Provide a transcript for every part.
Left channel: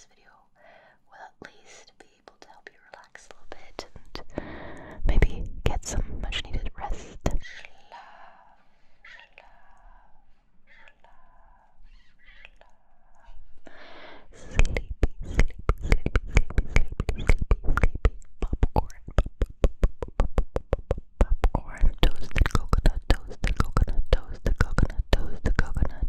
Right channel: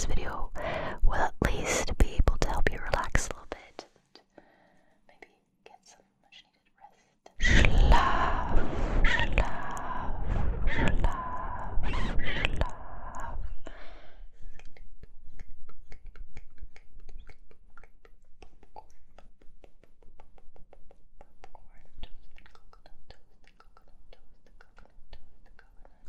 this video will at least be able to help you relax a little bit and maybe get some much needed rest. Schlaf, schlaf, schlaf, schlaf. Sleepy, sleepy, sleepy, sleepy, sleepy, sleepy, popcorn, popcorn, toasted coconut, toasted coconut, toasted coconut, toasted coconut.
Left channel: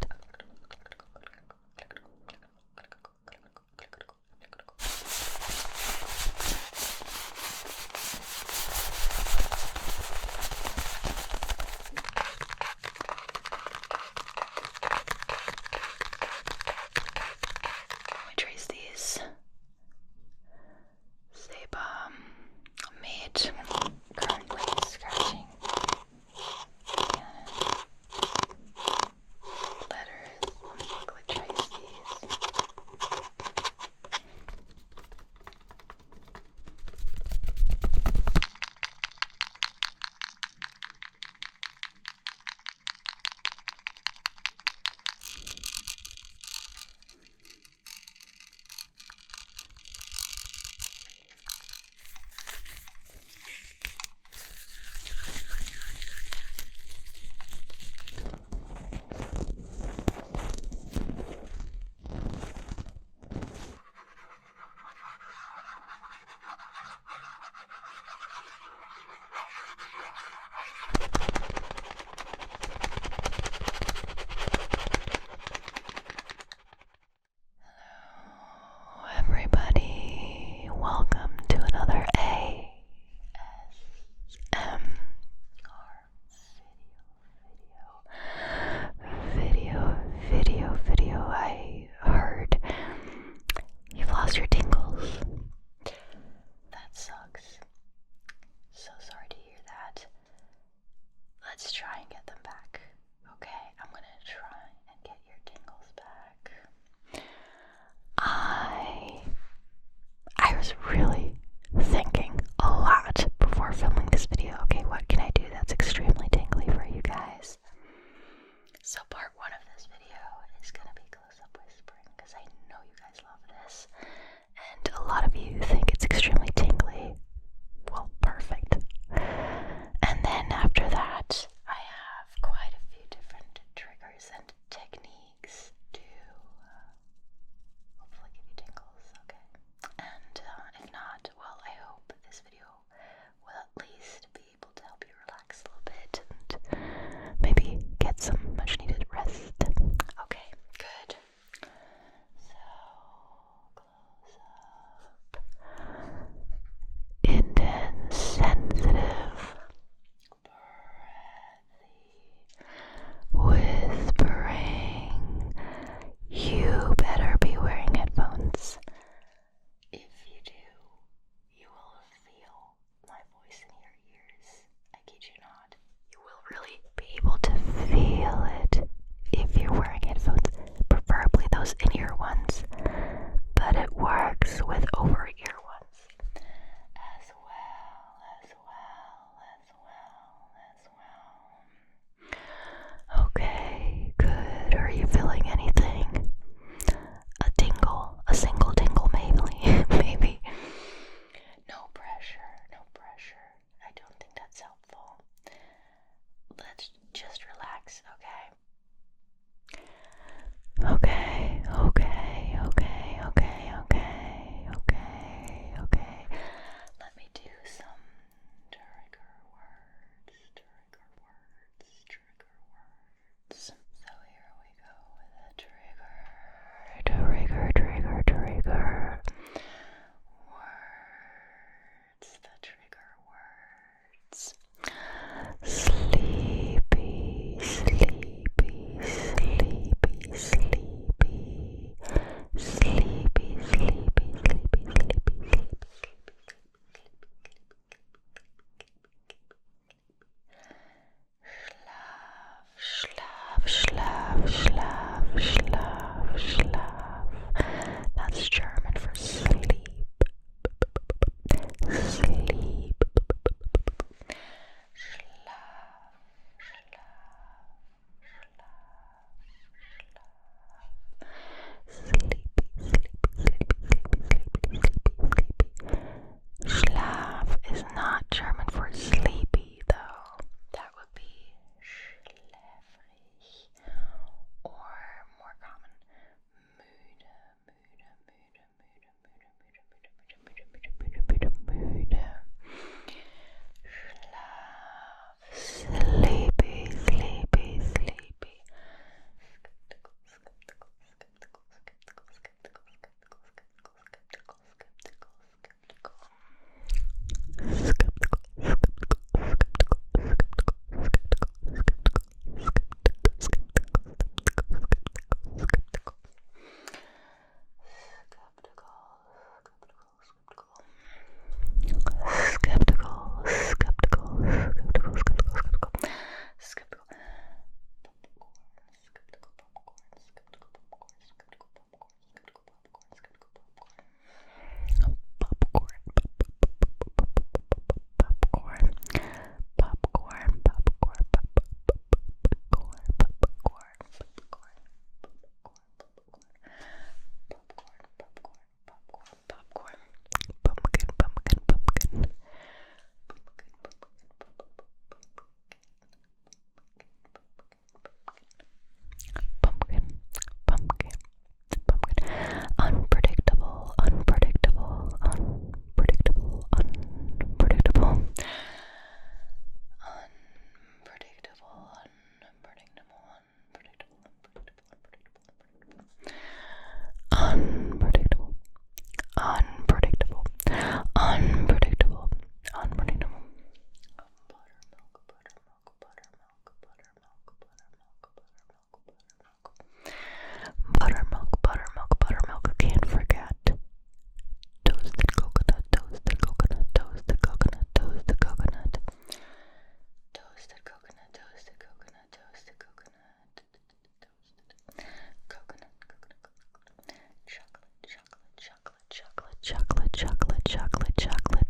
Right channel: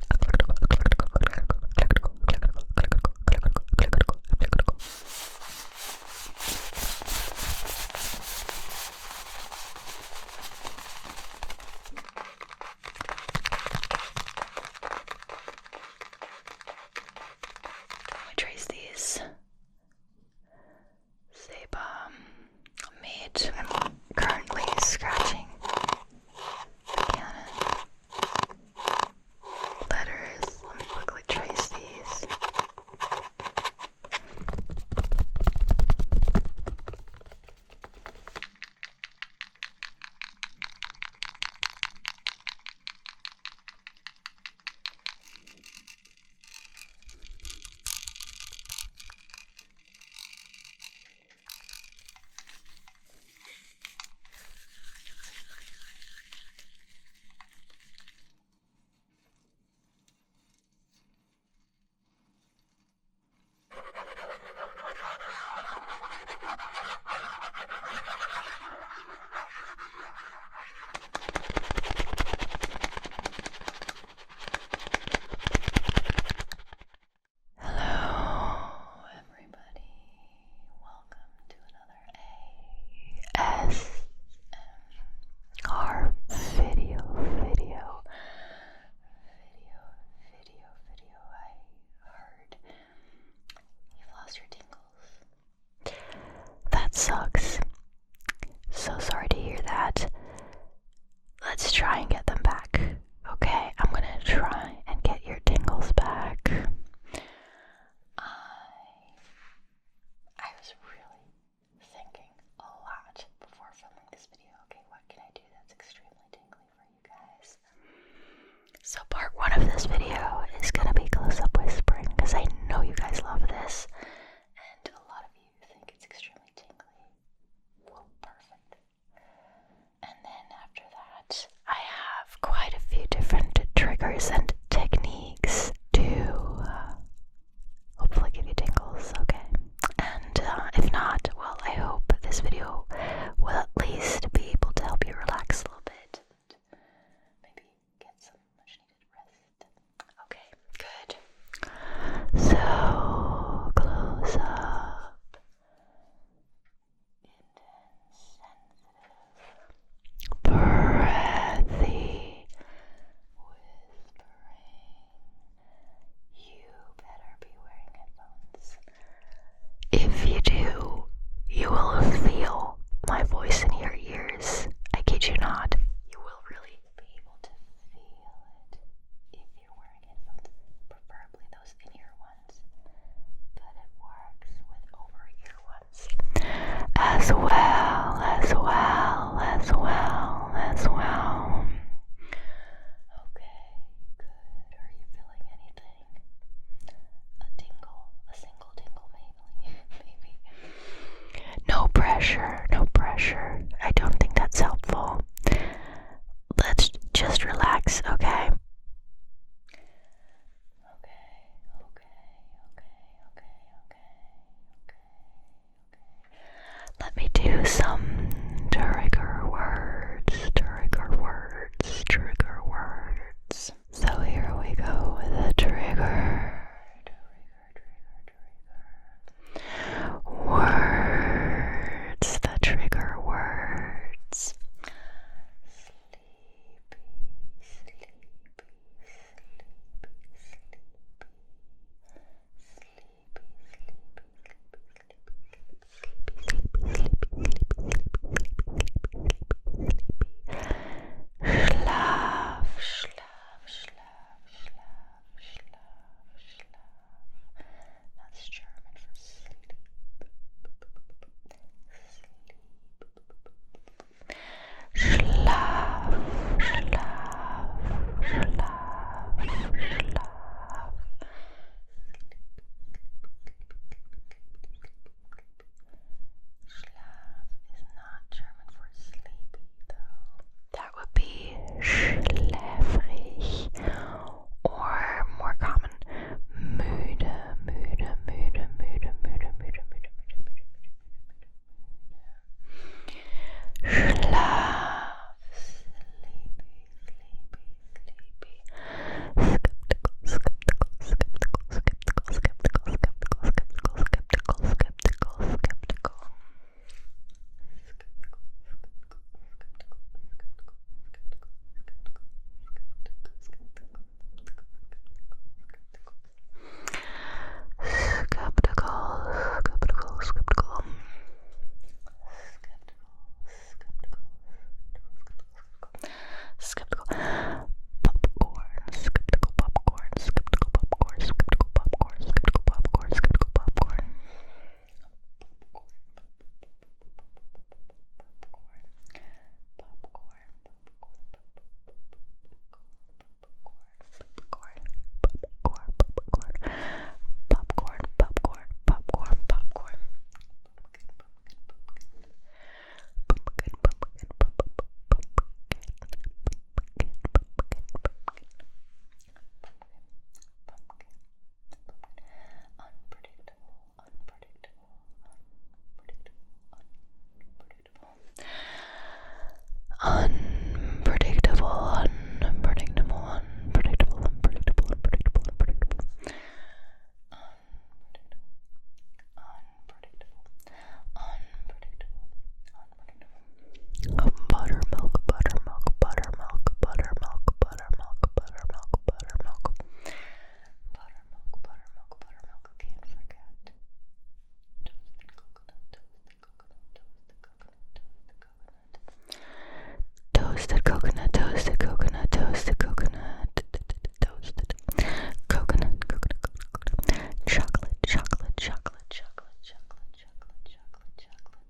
chocolate, chocolate, chocolate, chocolate, chocolate, chocolate, chocolate, chocolate,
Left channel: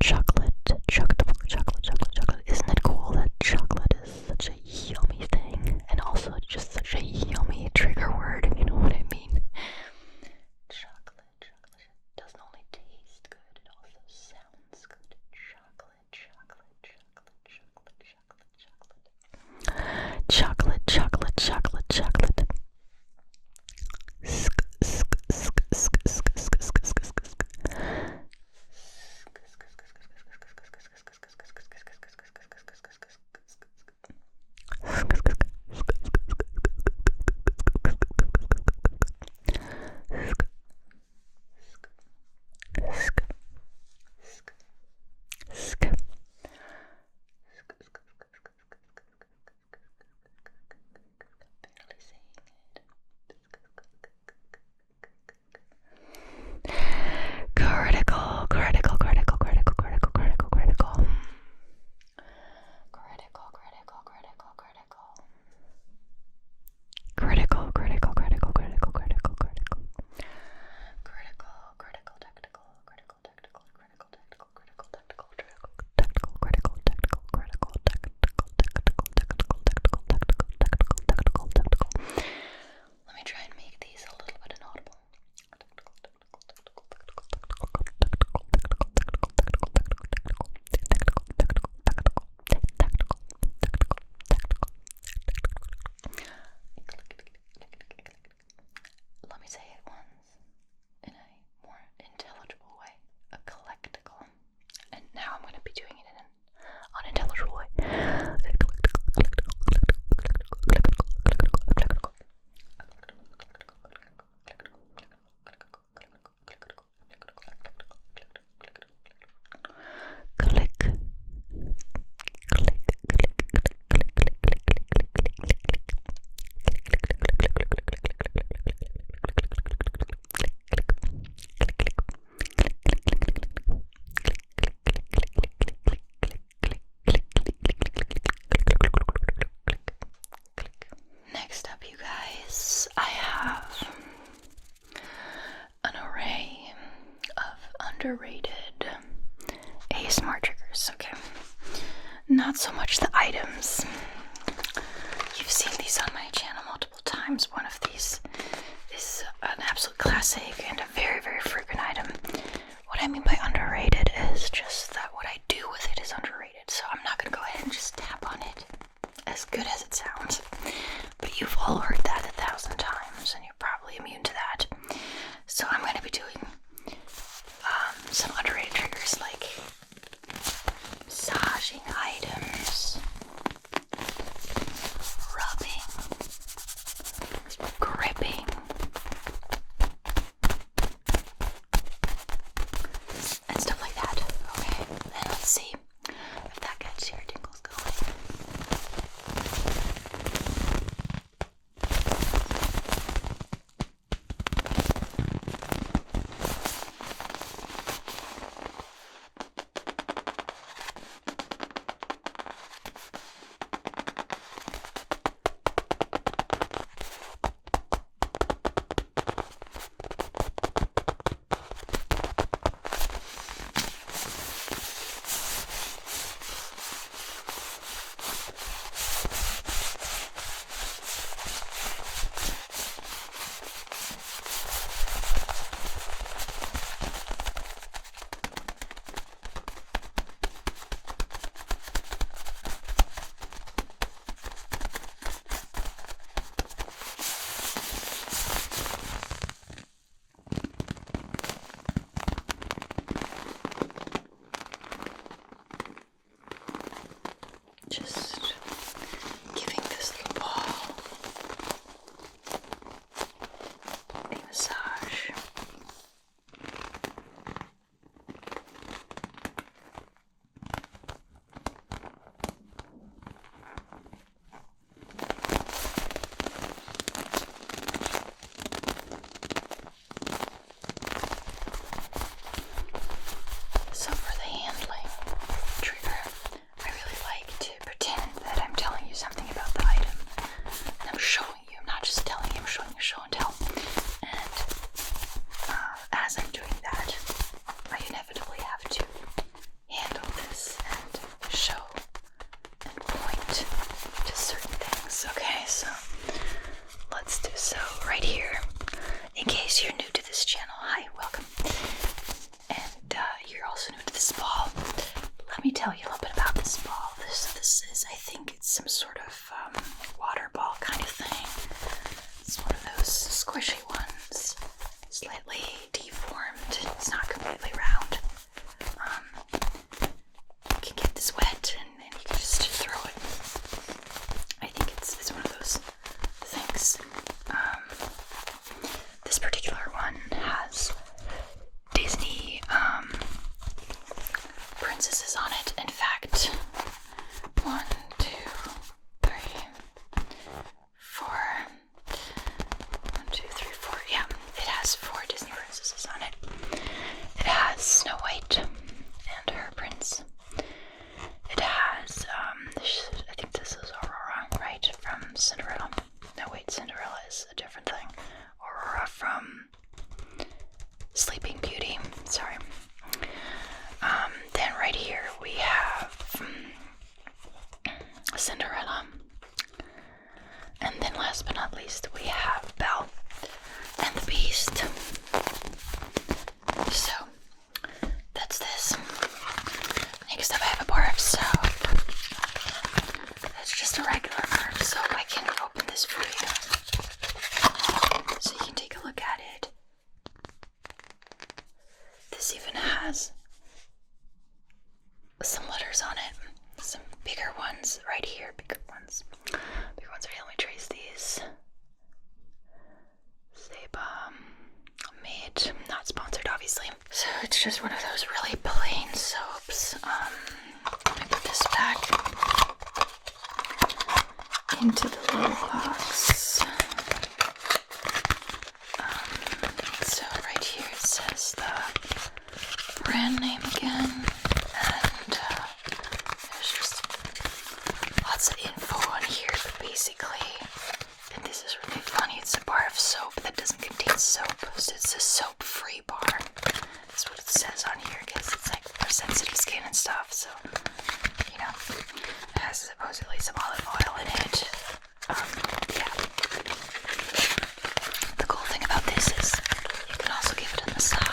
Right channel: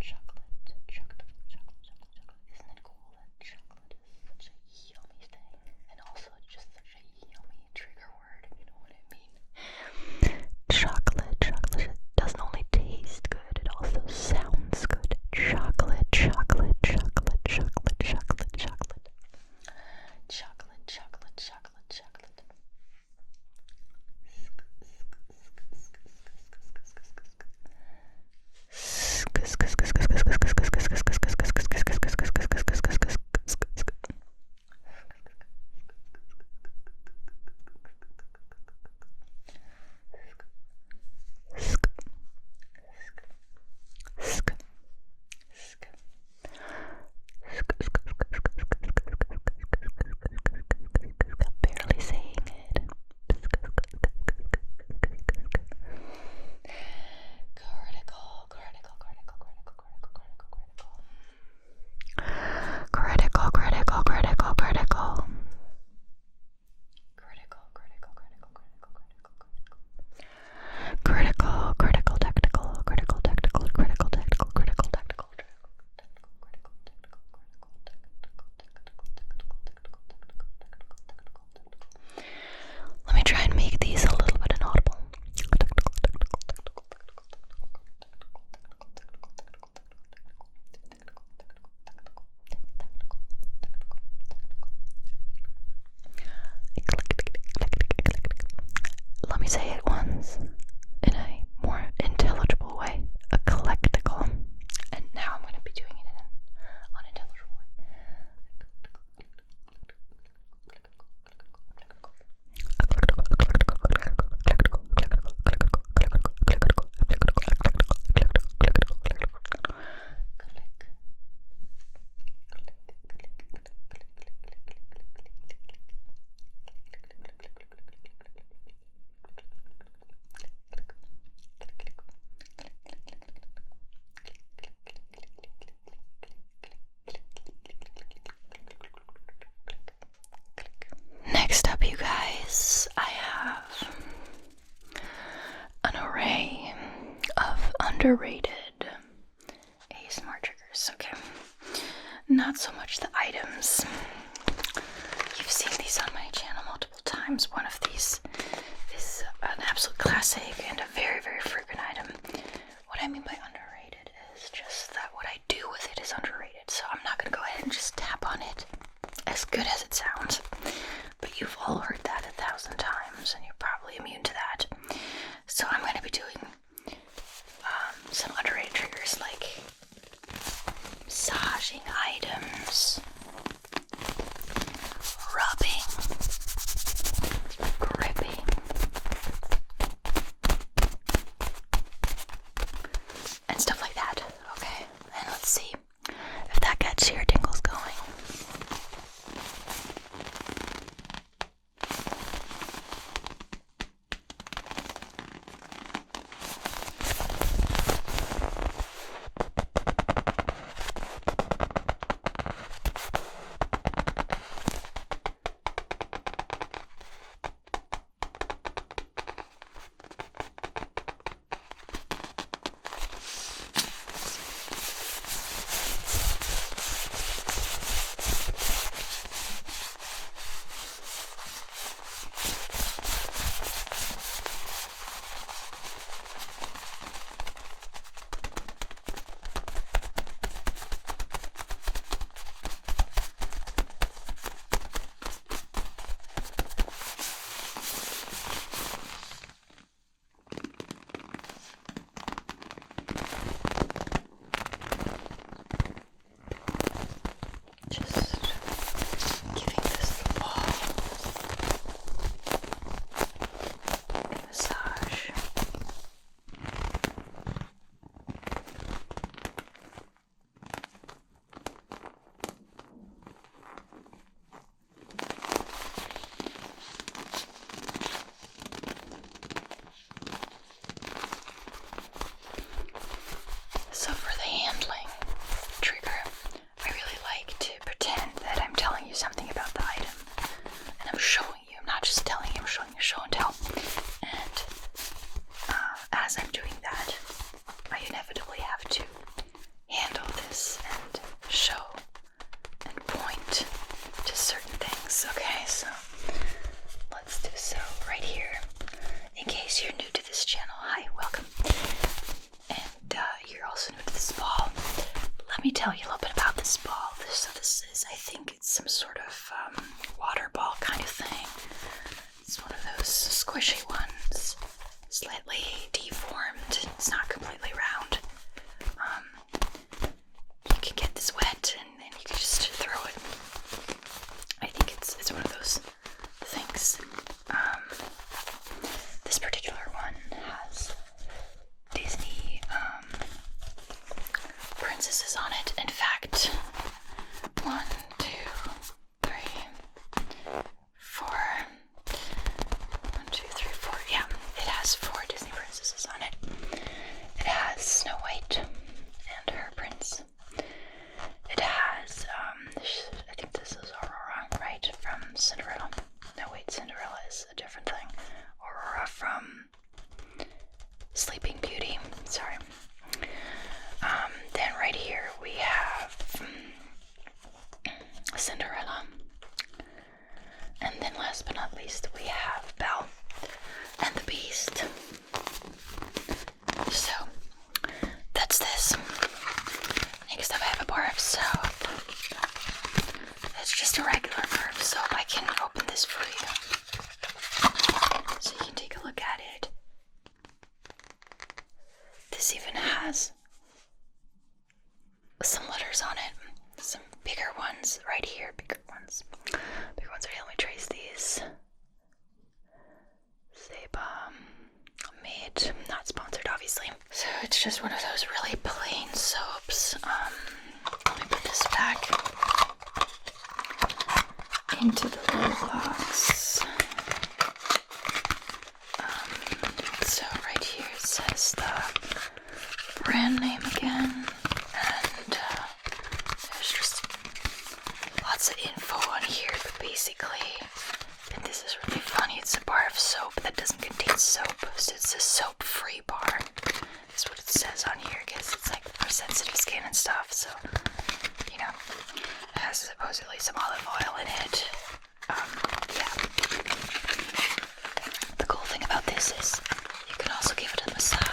chocolate, chocolate, chocolate. Isn't it cool that chocolate is such a yummy thing, and also just such a yummy trigger word, if you know what I mean? Chocolate, chocolate. It doesn't only taste good, it also sounds good. Chocolate, chocolate, chocolate, chocolate, chocolate, chocolate. Chocolate, chocolate, chocolate, chocolate. Barely saying it. Critical, critical, critical, critical, critical, critical, critical. Critical, critical, critical, critical. Critical, critical, critical, critical, critical, critical. Critical, critical, tactical, critical, tactical, critical, tactical, critical, tactical, tactical, critical, tactical, critical, tactical, tactical, tactical, tactical, tactical, tactical, tactical. Let me try and make these a little bit inaudible. Let me say it once in a more intelligible way. Eclectical. And now I'm going to be doing it in an unintelligible way. Next up, you guys, I have an array of underrated ASMR triggers, okay? Not so much the items. You've seen these on my channel multiple times. One of these is an absolute classic and a very, very frequent item. What I mean by underrated is just that what I do with it is underrated. So I'm not going to go ahead and just tap on it, as good as it sounds. But you've all heard that 1,000 times, and you're probably immune to that. So I'm going to be doing some underrated triggers like massaging items, rubbing, gripping, has some letters on it. Some bigger ones right here. Bigger ones right here. Let me trace these. Seba made, not sponsored obviously. So it's just one of those really plain soaps. Let me put this back into the little box. So right here it says the brand name again, and there's just lots of info on here, but basically, and this is really funny, it's a bar of soap that doesn't contain soap, so it's a soap-free bar. That's what it says on here, because it's like for sensitive skin and stuff, so, you know, it has supposedly some olive oil in it. Yeah. The cool thing about this is you can also give it a massage.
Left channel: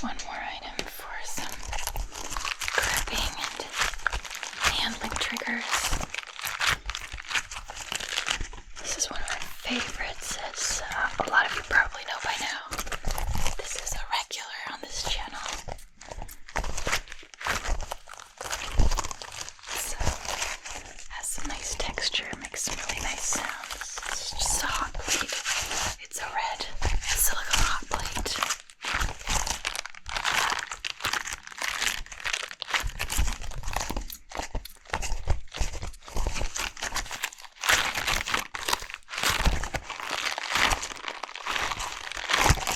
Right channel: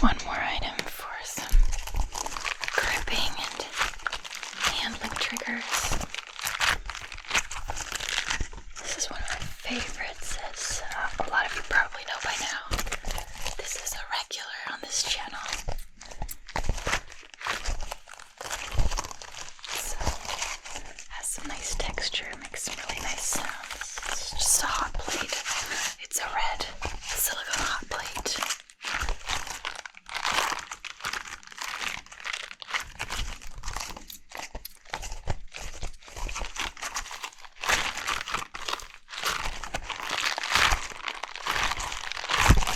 One more item for some gripping and handling triggers. This is one of my favorites, as a lot of you probably know by now. This is a regular on this channel. So, has some nice texture, makes some really nice sounds. It's just a hot plate. It's a red silicone hot plate.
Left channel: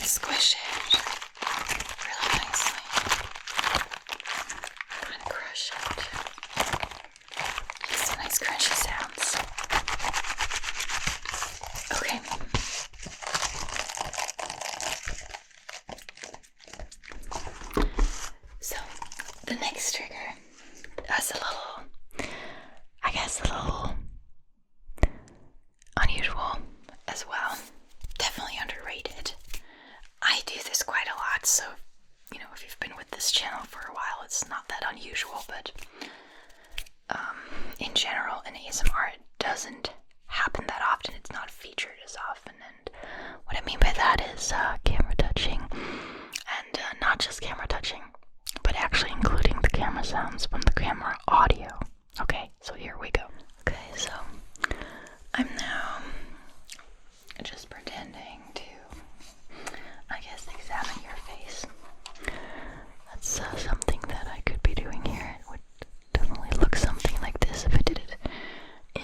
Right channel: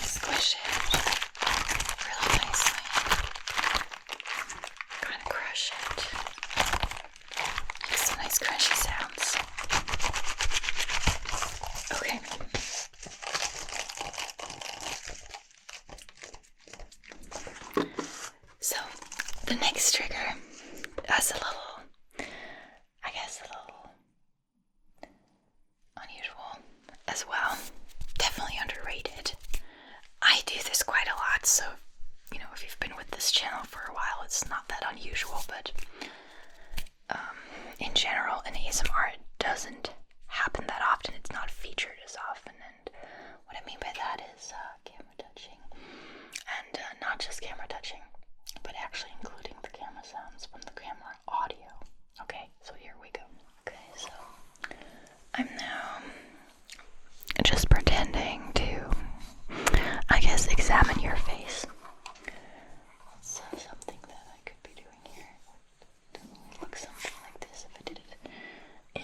Squish it really nicely. Kind of crush it. Get some nice crunchy sounds. Okay. So, the next trigger is a little, I guess a little unusual as well. Definitely underrated. I do this quite a lot, so, you know, if you've been with this channel for a while, it's not that unusual, but in general, in ASMR, it doesn't happen that often. It's not featured as often, and what I mean by that is camera touching, and not just camera touching, but actually including the camera sounds from the camera audio. Okay, so here we go. Okay, so I'm now just pretending to, I guess, examine your face. That's something that I could be doing here. It would definitely look something like this if I did it in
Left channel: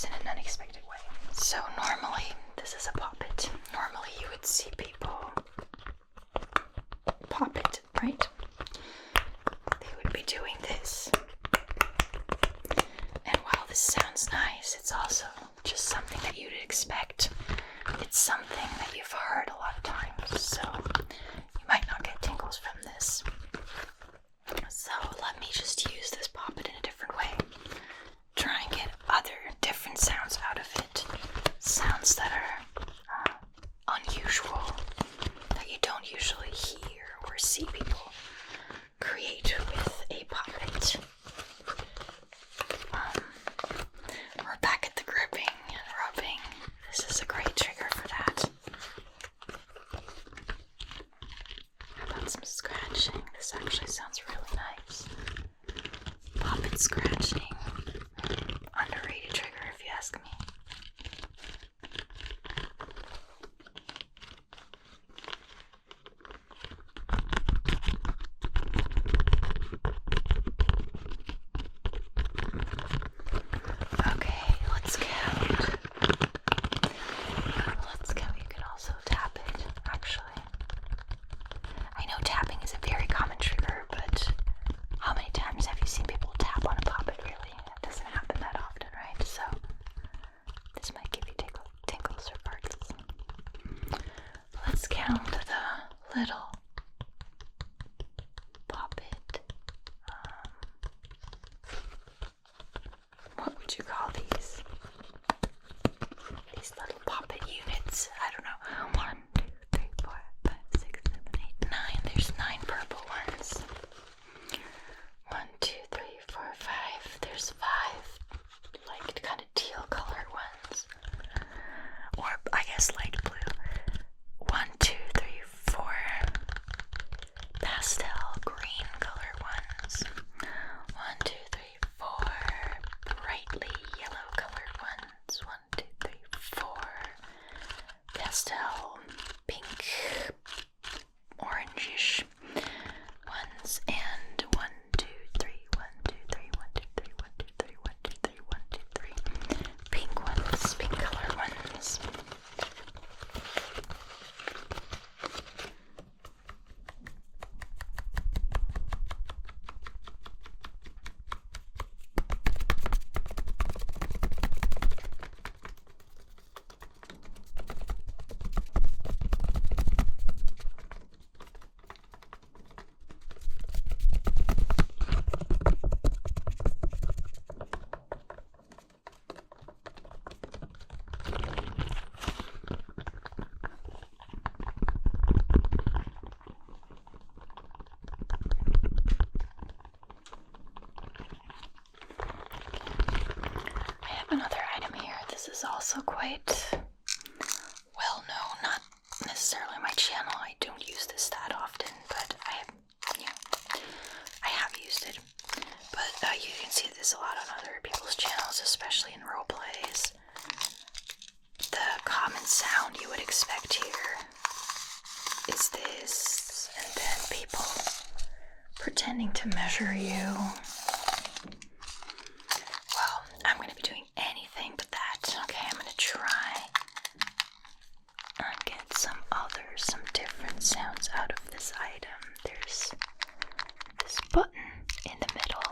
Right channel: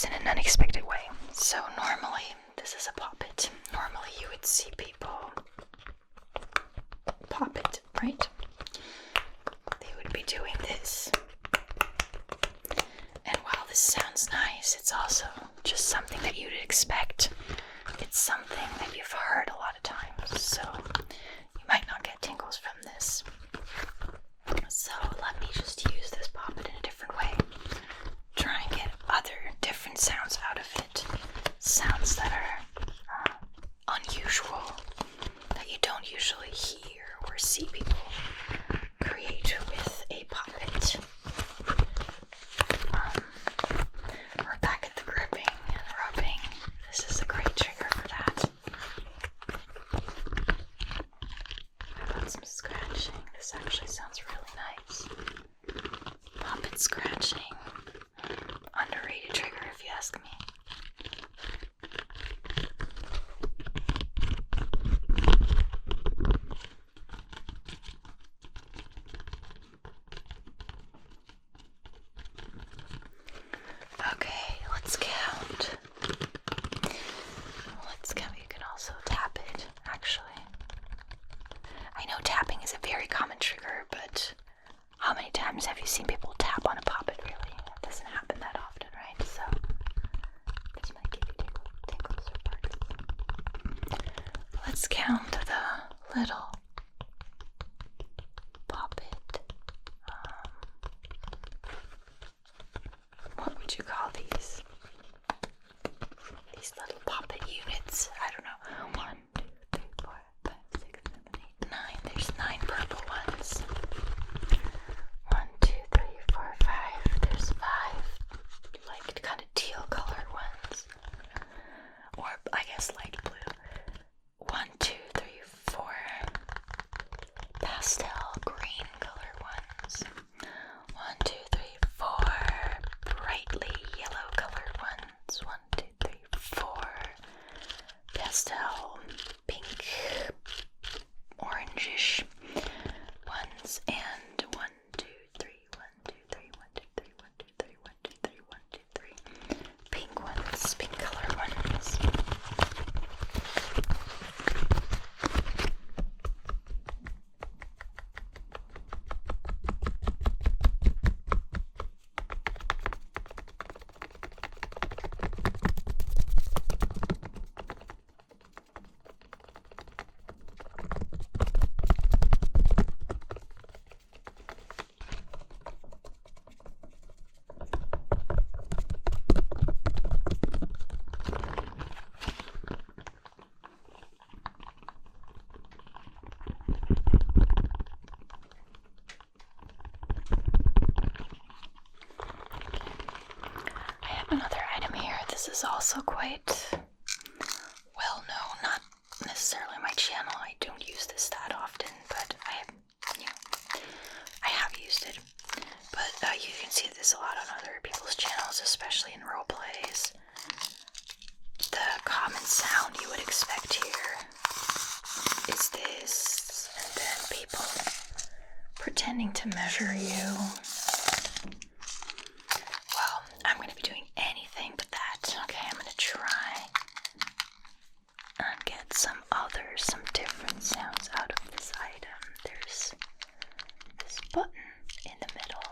used in an unexpected way. So normally, this is a Poppet. Normally you would see people Poppet, right? They would be doing this. And while this sounds nice, it's also just something that you'd expect. It's something that you've heard a lot of times, so you might not get tingles from this. So let me just use this Poppet in a different way. Try and get other different sounds out of it. Sounds that are unusual, that you don't usually hear or see people create with a Poppet. We're back at the gripping and rubbing. This is a great trigger for that. How about some scratching? This actually sounds really nice. Poppet scratching. Underrated trigger if you ask me. Okay, let's count. Let's count. You can also tap it, actually. I know tapping is a very common trigger, but how many times have you seen people tap on a Poppet, really? It doesn't happen that often, right? So, this might give you tingles or farts. Let's count the little Poppet. What would you call these? These little Poppet units. I don't know. 1, 2, 3, 4, 5, 6, 7, 8, 9. There's 9 purple ones. 1, 2, 3, 4, 5. There's 5 like kind of teal colored ones. Or I guess light blue. 1, 2, 3, 4 pastel green color ones. 1, 2, 3, 4 brightly yellow colored ones. 1, 2, 3, 4 pastel pink orangish ones, and 1, 2, 3, 1, 2, 3, 1, 2, 3, 1, 2, 3, 1, 2, 3, 1, 2, 3 pink ones, pink color ones. Another item here. This is also quite well known, not necessarily my channel. I don't use this that often, but I have used it. But you can see this a lot on other people's channels, especially in role plays. The common sound you would expect here is this, and then people pretending to measure you. Well, I'm going to be doing anything but that. Okay, I'm going to try and get some different sounds out of this item. There's this button in the middle,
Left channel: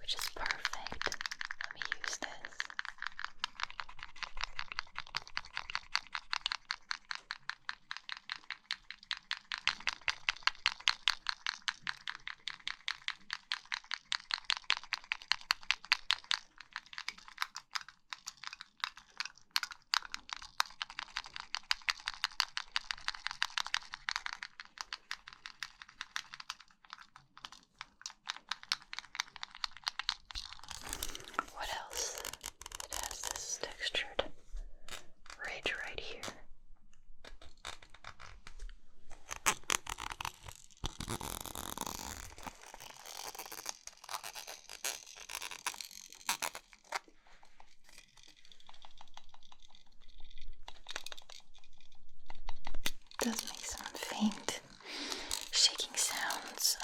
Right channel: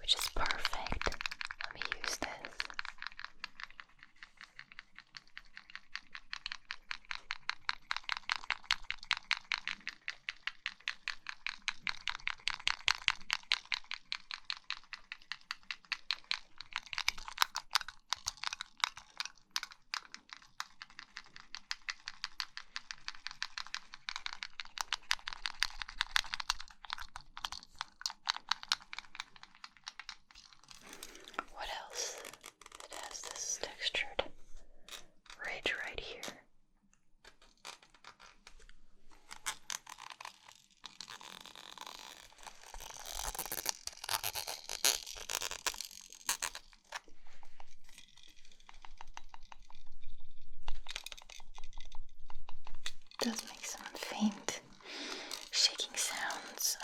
which is perfect. Let me use this. What else? It has this textured ridge right here. It does make some faint shaking sounds.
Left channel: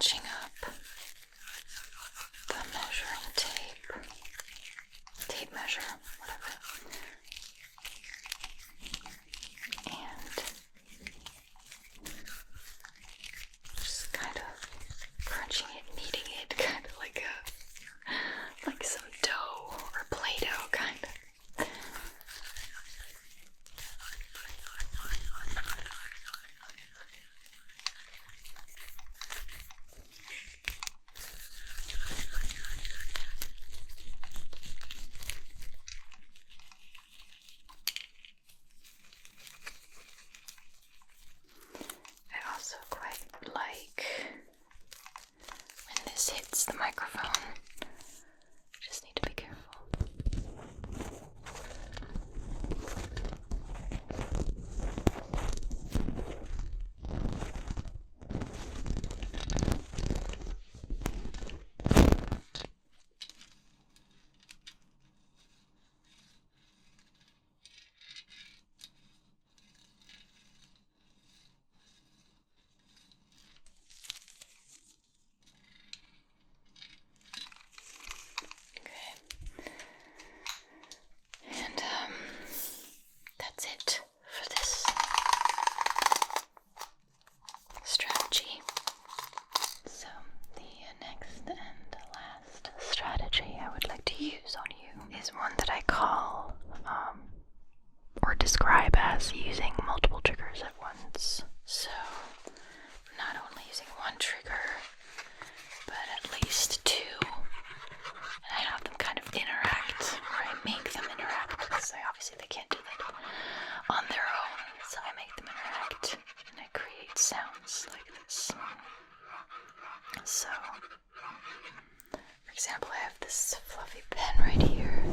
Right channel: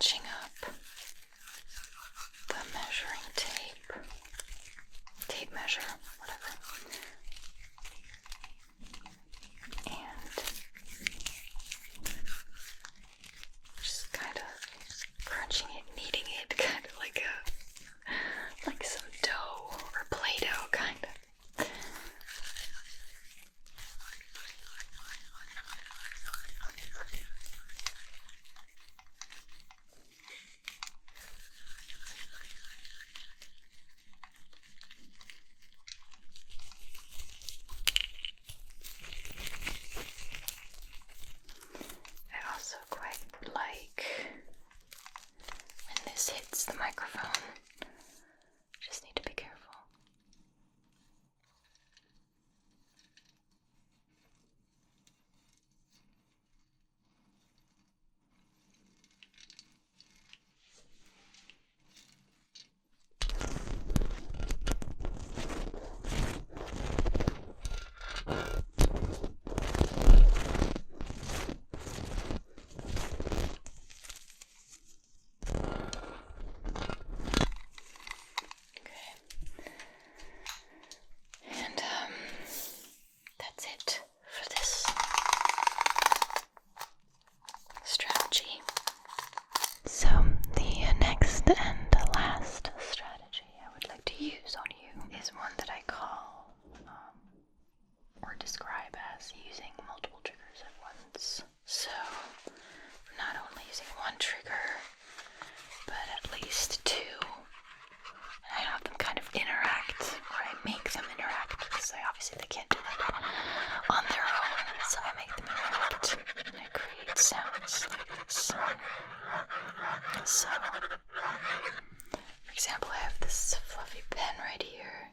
scrunching up the measuring tape measure, whatever, and just kind of crunching it, kneading it, kind of like some dough or Play-Doh, kind of. I also quite like when this hits the microphone. Just need to be careful. That's it for this strategy. So the next and last strategy I would like to use on you is one that I call or describe as using multiple triggers at once. So not only using one trigger, but at least two. And I have them kind of interact, or I make them interact, because obviously they can't do that on their own, so I make them interact, and I create sounds like this. So, for example, I have this fluffy pen right here.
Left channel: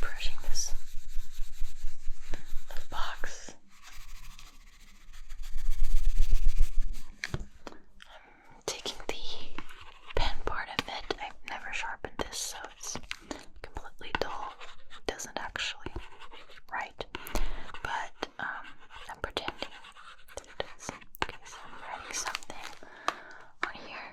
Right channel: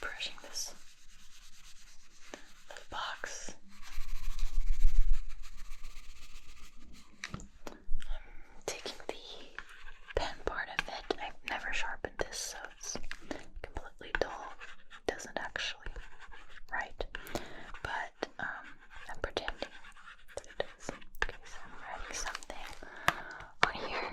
Brushing this little box. I'm taking the pen part of it. I've never sharpened this, so it's completely dull. It doesn't actually write, but I'm pretending that it does. Okay, so I'm writing something on here.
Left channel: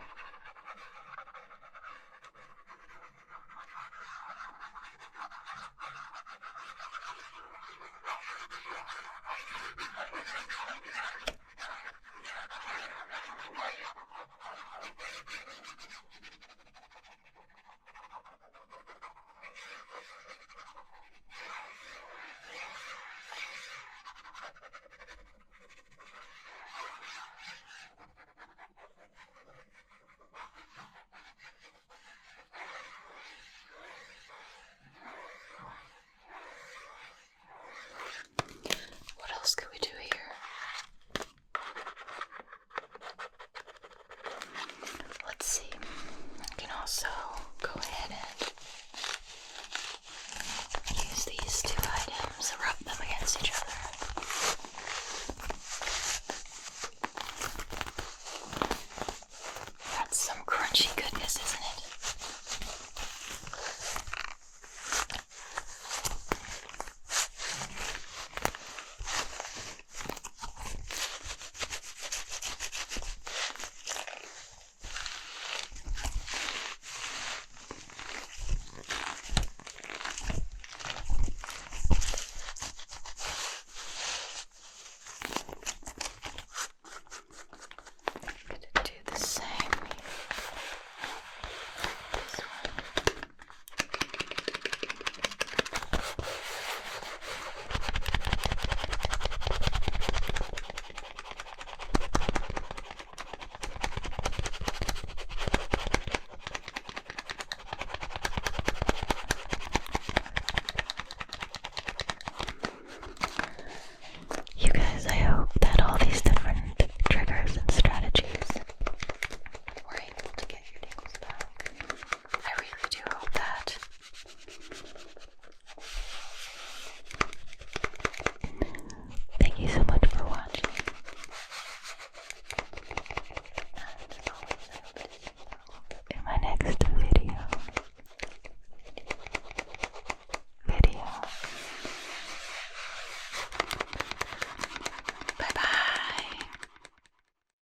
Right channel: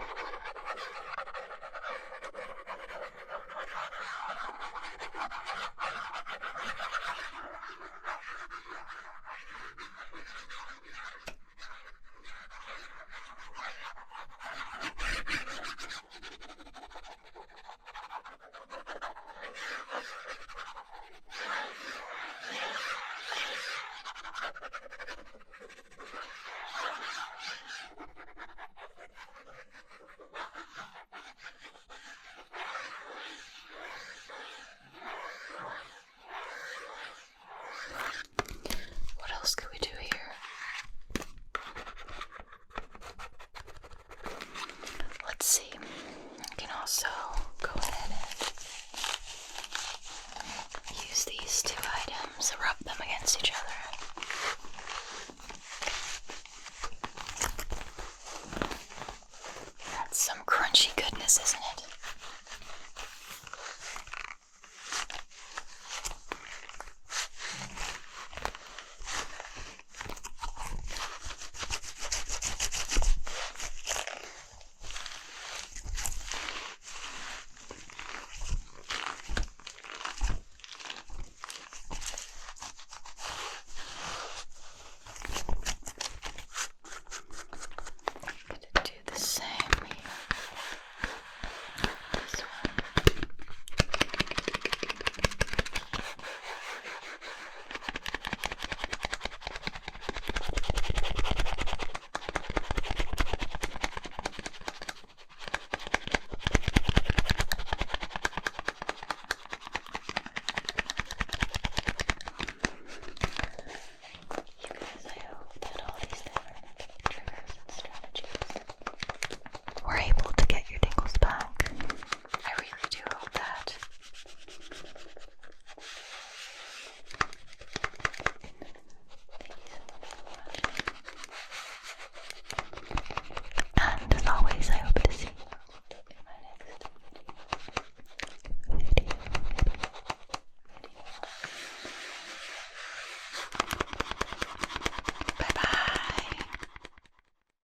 What else could we do